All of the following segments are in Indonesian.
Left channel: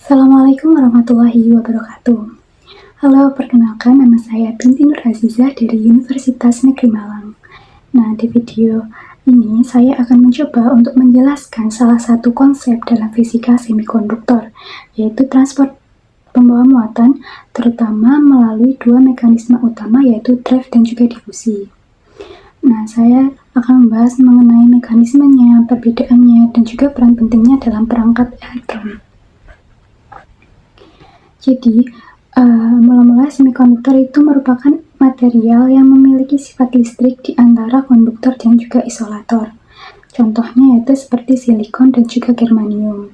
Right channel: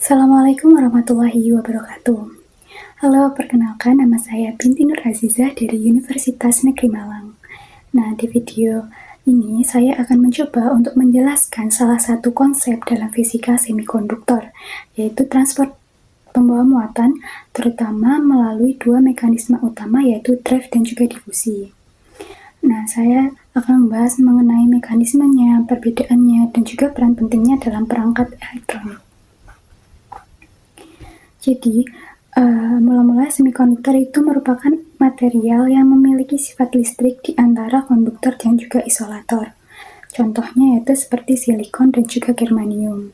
Assalamualaikum warahmatullahi wabarakatuh. Halo, perkenalkan nama saya Binti Nur Azizah dari Universitas Negeri Malang. Nah, di video ini saya akan mencoba untuk menjelaskan salah satu konsep dalam fisika semikonduktor, yaitu transport pembawa muatan, terutama melalui dua mekanisme utama yaitu drive dan juga difusi. Nah, saya akan membahas mengenai mekanismenya, perbedaannya, dan juga peran pentingnya dalam perangkat elektron. Jadi, mula-mula semikonduktor itu merupakan material yang memiliki sifat listrik di antara konduktor dan juga isolator. Contohnya yaitu seperti silikon dan juga germanium.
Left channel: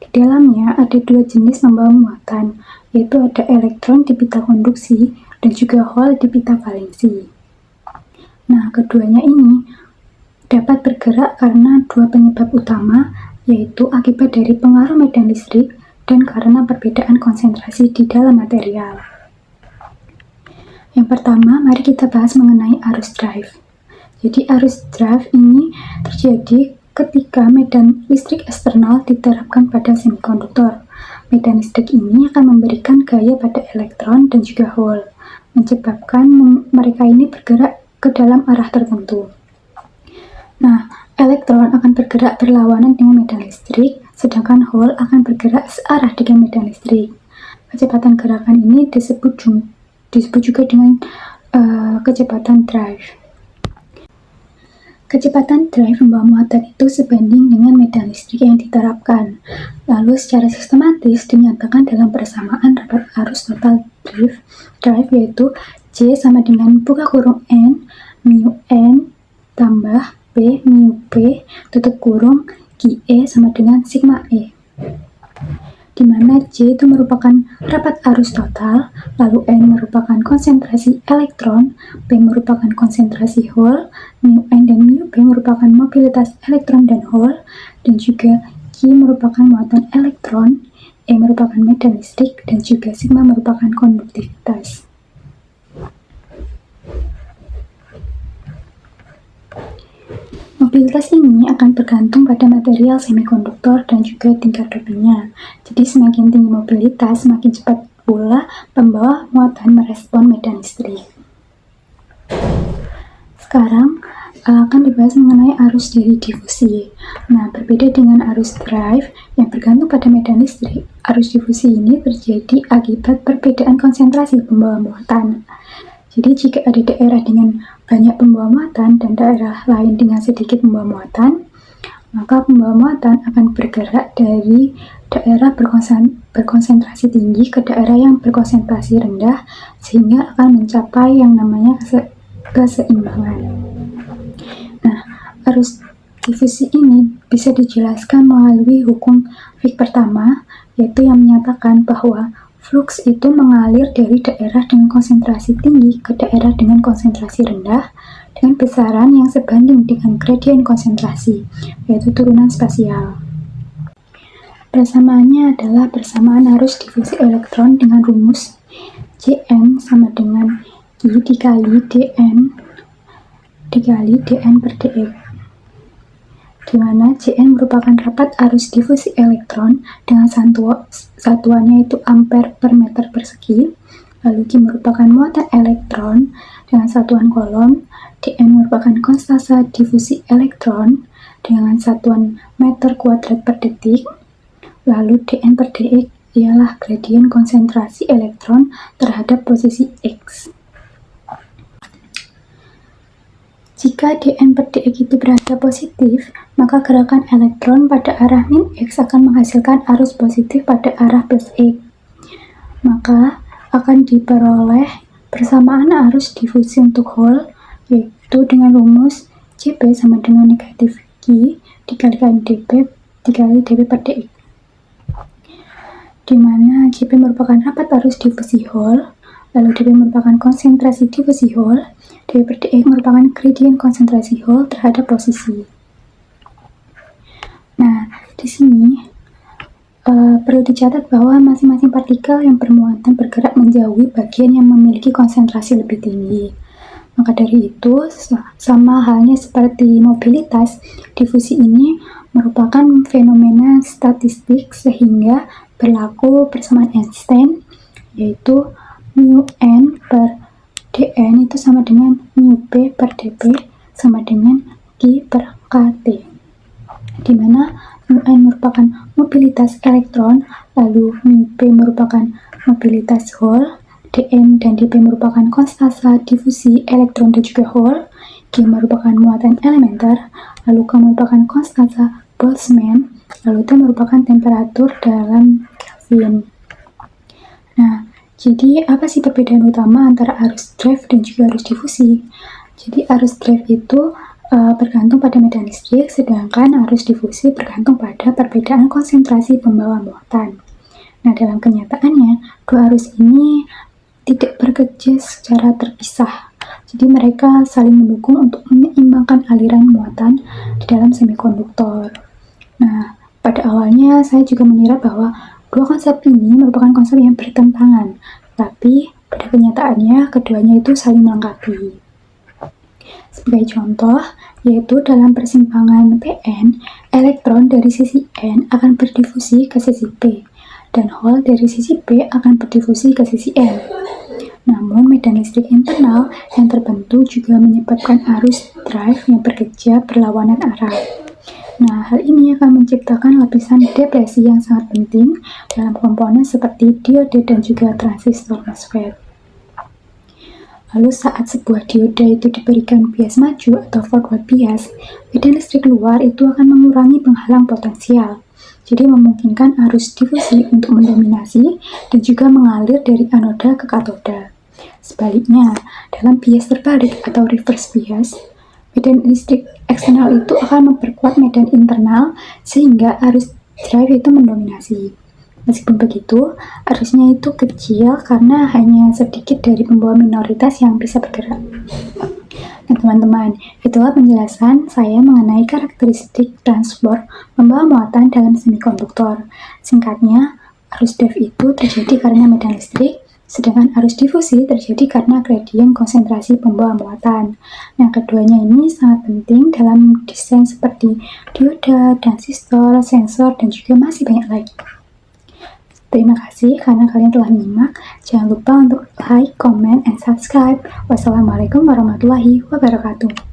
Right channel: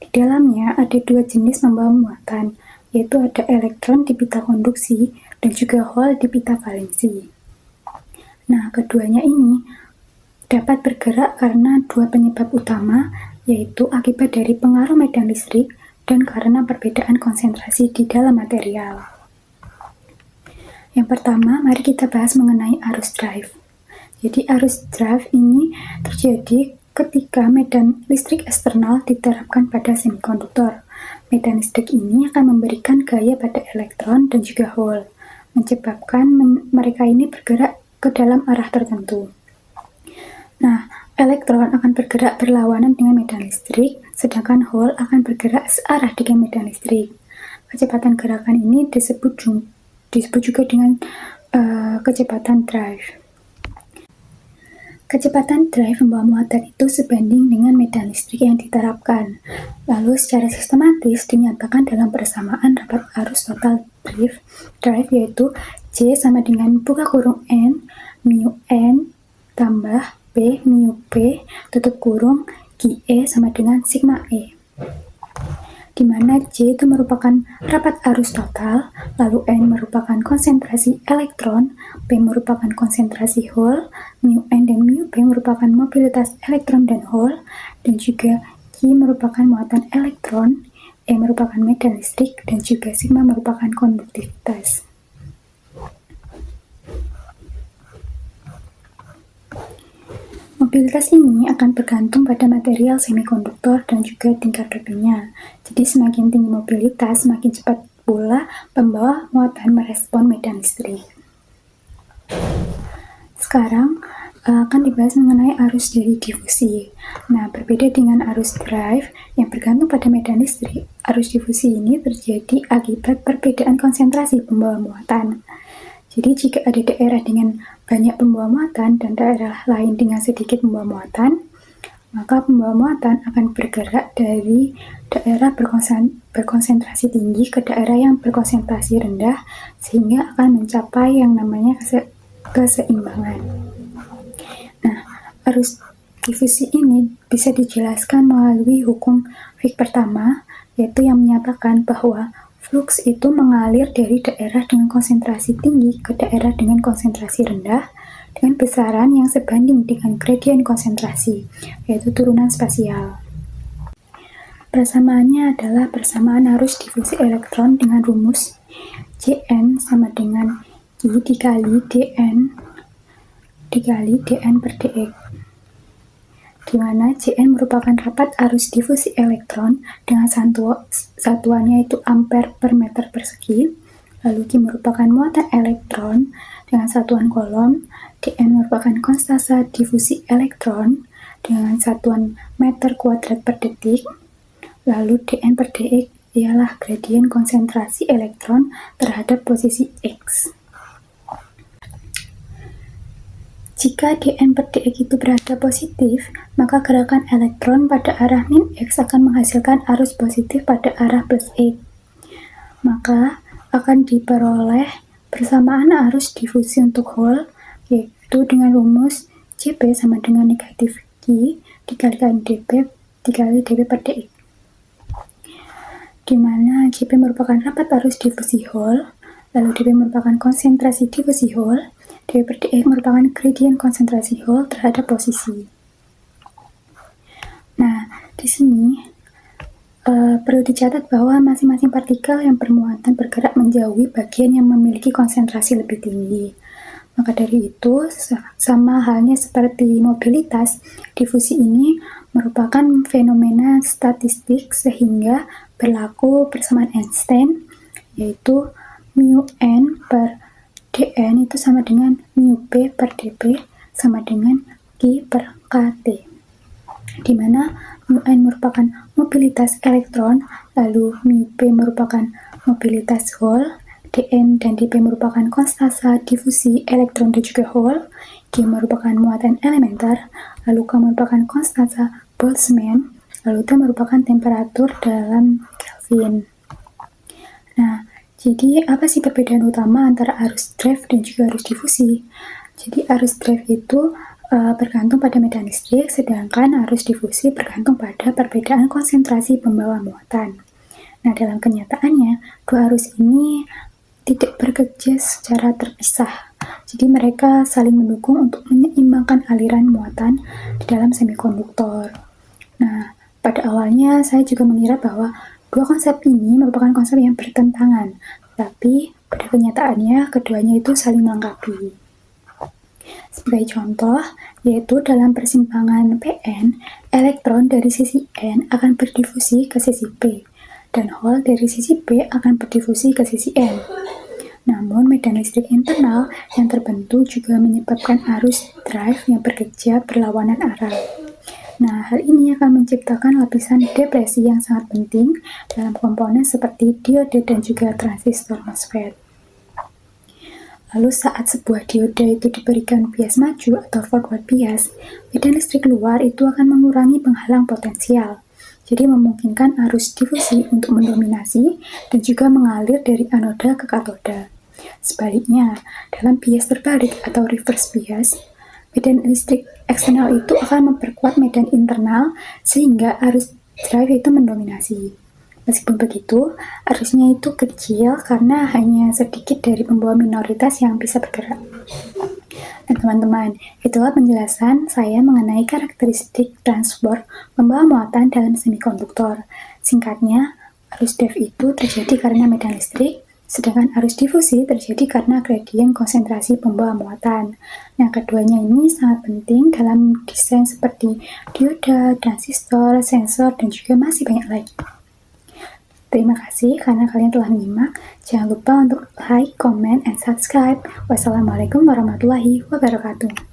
Di dalamnya ada dua jenis pembawa muatan, yaitu ada elektron di pita konduksi dan juga hole di pita valensi. Nah, keduanya ini dapat bergerak karena dua penyebab utama, yaitu akibat dari pengaruh medan listrik dan karena perbedaan konsentrasi di dalam material. Yang pertama, mari kita bahas mengenai arus drive. Jadi arus drive ini terjadi ketika medan listrik eksternal diterapkan pada semikonduktor. Medan listrik ini akan memberikan gaya pada elektron dan juga hole, menyebabkan mereka ini bergerak ke dalam arah tertentu. Nah, elektron akan bergerak berlawanan dengan medan listrik, sedangkan hole akan bergerak searah dengan medan listrik. Kecepatan gerakan ini disebut juga dengan kecepatan drive. Kecepatan drive pembawa muatan itu sebanding dengan medan listrik yang diterapkan. Lalu secara sistematis dinyatakan dalam persamaan rapat arus total drive yaitu J sama dengan buka kurung N, mu N, tambah P mu P, tutup kurung QE sama dengan sigma E. Di mana J itu merupakan rapat arus total, lalu N merupakan konsentrasi elektron, P merupakan konsentrasi hole, mu N dan mu P merupakan mobilitas elektron dan hole, dan juga Q merupakan muatan elektron, E merupakan medan listrik, dan juga sigma merupakan konduktivitas. Mobilitas ini akan bergantung pada material semikonduktor dan juga tingkat dopingnya. Jadi semakin tinggi mobilitas, semakin cepat pula pembawa muatan merespon medan listrik. Sekarang akan dibahas mengenai arus dari difusi. Nah, berbeda dengan arus drive yang bergantung pada medan listrik, arus difusi ini terjadi akibat perbedaan konsentrasi pembawa muatan. Jadi jika ada daerah dengan banyak pembawa muatan dan daerah lain dengan sedikit pembawa muatan, maka pembawa muatan akan bergerak dari daerah berkonsentrasi tinggi ke daerah yang berkonsentrasi rendah, sehingga akan mencapai yang namanya keseimbangan. Nah, arus difusi ini bisa dijelaskan melalui hukum Fick pertama, yaitu yang menyatakan bahwa flux itu mengalir dari daerah dengan konsentrasi tinggi ke daerah dengan konsentrasi rendah dengan besaran yang sebanding dengan gradien konsentrasi, yaitu turunan spasial. Persamaannya adalah persamaan arus difusi elektron dengan rumus Jn sama dengan I dikali dn per dx, di mana Jn merupakan rapat arus difusi elektron dengan satuannya itu ampere per meter persegi, lalu Q merupakan muatan elektron dengan satuan kolom, dn merupakan konstanta difusi elektron dengan satuan meter kuadrat per detik, lalu dn per dx ialah gradien konsentrasi elektron terhadap posisi X. Jika dn per dx itu berada positif, maka gerakan elektron pada arah min X akan menghasilkan arus positif pada arah plus X. Maka akan diperoleh persamaan arus difusi untuk hole, yaitu dengan rumus Jp sama dengan negatif Q dikalikan dp dikali dp per dx. Di mana Jp merupakan rapat arus difusi hole, lalu dp merupakan konsentrasi difusi hole, dp per dx merupakan gradien konsentrasi hole terhadap posisi. Nah, di sini perlu dicatat bahwa masing-masing partikel yang bermuatan bergerak menjauhi bagian yang memiliki konsentrasi lebih tinggi. Maka dari itu, sama halnya seperti mobilitas, difusi ini merupakan fenomena statistik sehingga berlaku persamaan Einstein, yaitu mu n per dn itu sama dengan mu p per dp sama dengan Q per kT, di mana mu n merupakan mobilitas elektron, lalu mu p merupakan mobilitas hole, dn dan dp merupakan konstanta difusi elektron dan juga hole, G merupakan muatan elementer, lalu K merupakan konstanta Boltzmann, lalu T merupakan temperatur dalam Kelvin. Nah, jadi apa sih perbedaan utama antara arus drive dan juga arus difusi? Jadi arus drive itu bergantung pada medan listrik, sedangkan arus difusi bergantung pada perbedaan konsentrasi pembawa muatan. Nah, dalam kenyataannya, dua arus ini tidak bekerja secara terpisah. Jadi mereka saling mendukung untuk menyeimbangkan aliran muatan di dalam semikonduktor. Nah, pada awalnya saya juga mengira bahwa dua konsep ini merupakan konsep yang bertentangan, tapi pada kenyataannya keduanya itu saling melengkapi. Sebagai contoh, yaitu dalam persimpangan Pn, elektron dari sisi N akan berdifusi ke sisi P, dan hole dari sisi P akan berdifusi ke sisi N. Namun, medan listrik internal yang terbentuk juga menyebabkan arus drive yang bekerja berlawanan arah. Nah, hal ini akan menciptakan lapisan depresi yang sangat penting dalam komponen seperti diode dan juga transistor MOSFET. Lalu saat sebuah dioda itu diberikan bias maju atau forward bias, medan listrik luar itu akan mengurangi penghalang potensial. Jadi memungkinkan arus difusi untuk mendominasi dan juga mengalir dari anoda ke katoda. Sebaliknya, dalam bias terbalik atau reverse bias, medan listrik eksternal itu akan memperkuat medan internal sehingga arus drive itu mendominasi. Meskipun begitu, arusnya itu kecil karena hanya sedikit dari pembawa minoritas yang bisa bergerak. Nah teman-teman, itulah penjelasan saya mengenai karakteristik transport pembawa muatan dalam semikonduktor. Singkatnya, arus drive itu terjadi karena medan listrik, sedangkan arus difusi terjadi karena gradien konsentrasi pembawa muatan. Nah, keduanya ini sangat penting dalam desain seperti dioda, transistor, sensor, dan juga masih banyak lagi. Terima kasih karena kalian telah menyimak. Jangan lupa untuk like, comment, and subscribe. Wassalamualaikum warahmatullahi wabarakatuh.